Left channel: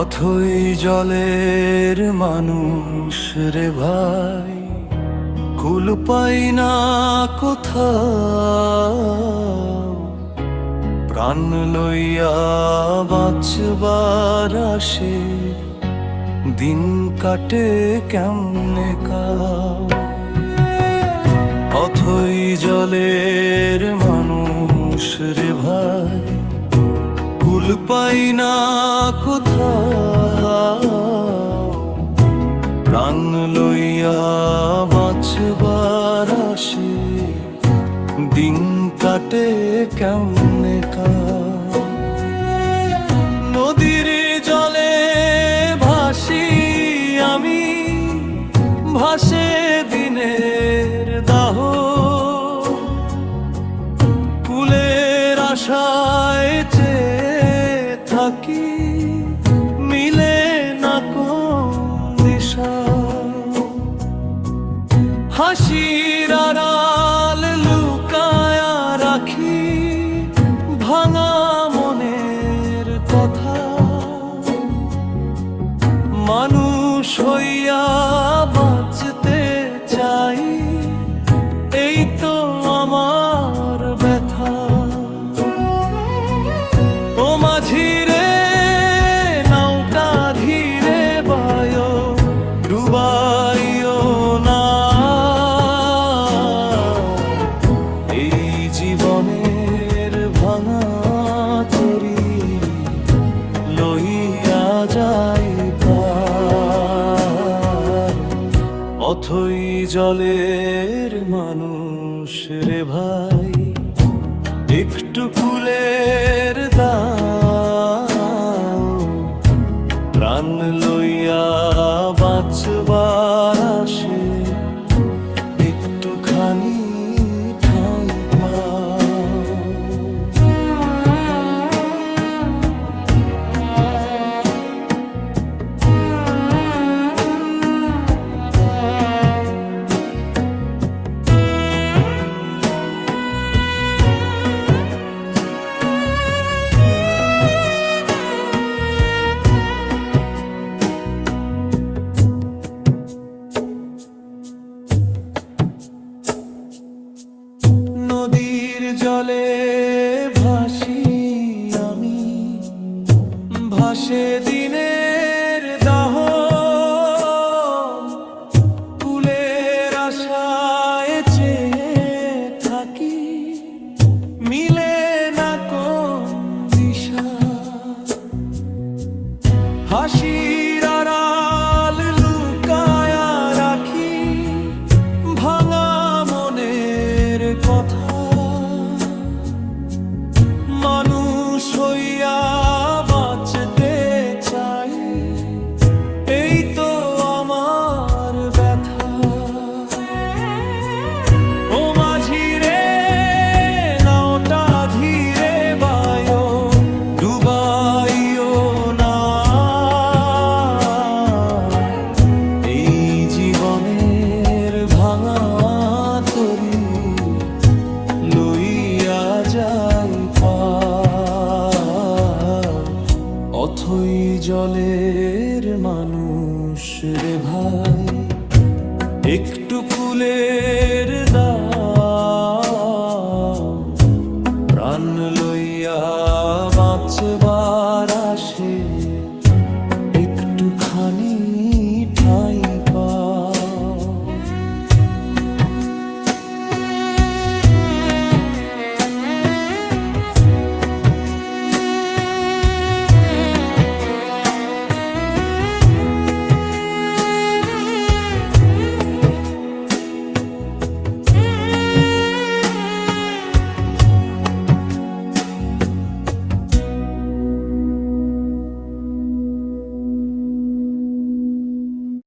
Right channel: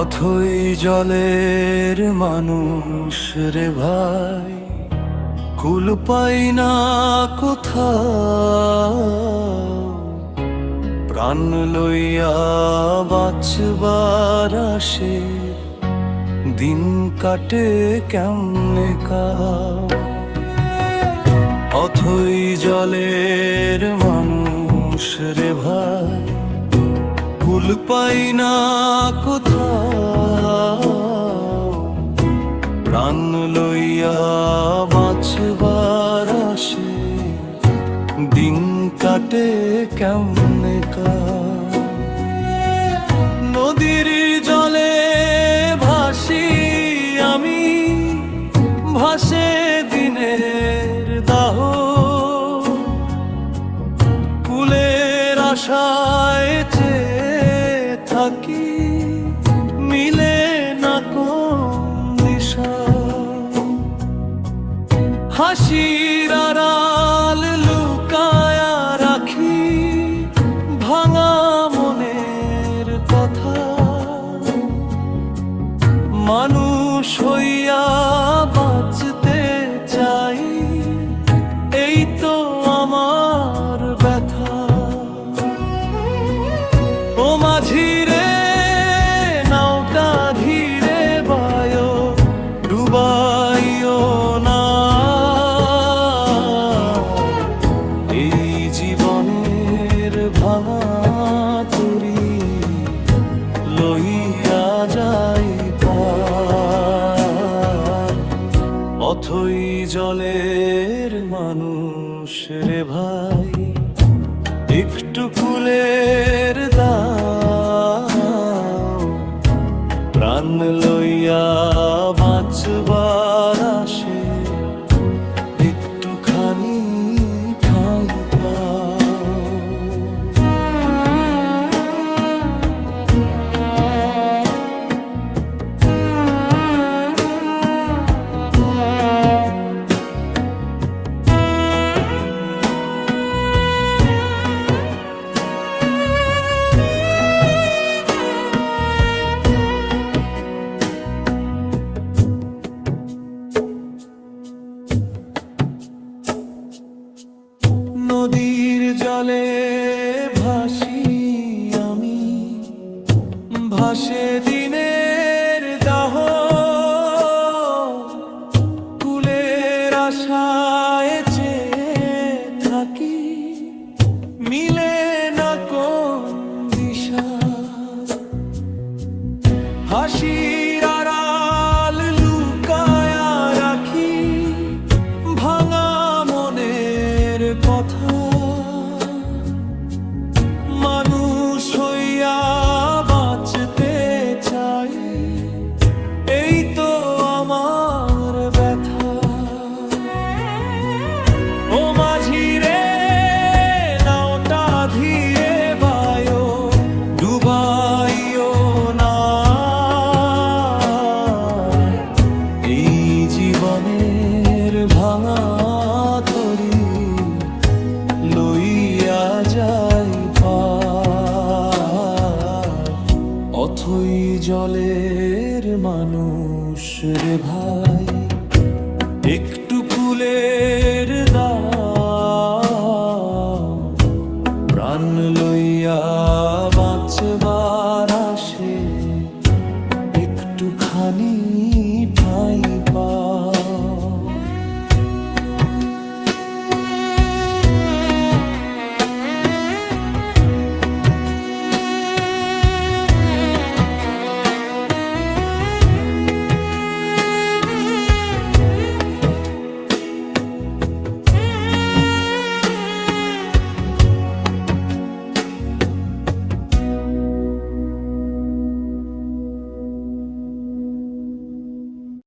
অথই জলের মানুষ রে ভাই, কুল পাই না কোথাও। প্রাণ লইয়া বাঁচবার আসে, দিন কাটে কেমনে কাও। অথই জলের মানুষ রে ভাই, কুল পাই না কোথাও। প্রাণ লইয়া বাঁচবার আসে, দিন কাটে কেমনে কাও। নদীর জলে ভাসি আমি, ভাসে দিনের দাহ। কুলের আশায় চেয়ে থাকি, মিলে না কোন দিশা। হাসির আড়াল লুকায়া রাখি, ভাঙা মনের কথা। মানুষ হইয়া বাঁচতে চাই, এই তো আমার ব্যথা। ও মাঝি রে, নাওটা ধীরে বায়ো, ডুবাইও না। এই জীবনের ভাঙা তরি লইয়া যাই পার। অথই জলের মানুষ রে ভাই, একটু কুলের দাও। প্রাণ লইয়া বাঁচবার আসে, একটুখানি ঠাঁই পাও। নদীর জলে ভাসি আমি, ভাসে দিনের দাহ। কুলের আশায় চেয়ে থাকি, মিলে না কোন দিশা। হাসির আড়াল লুকায়া রাখি, ভাঙা মনের কথা। মানুষ হইয়া বাঁচতে চাই, এই তো আমার ব্যথা। ও মাঝি রে, নাওটা ধীরে বায়ো, ডুবাইও না। এই জীবনের ভাঙা তরি লইয়া যাই পার। অথই জলের মানুষ রে ভাই, একটু কুলের দাও। প্রাণ লইয়া বাঁচবার আসে, একটুখানি ঠাঁই পাও।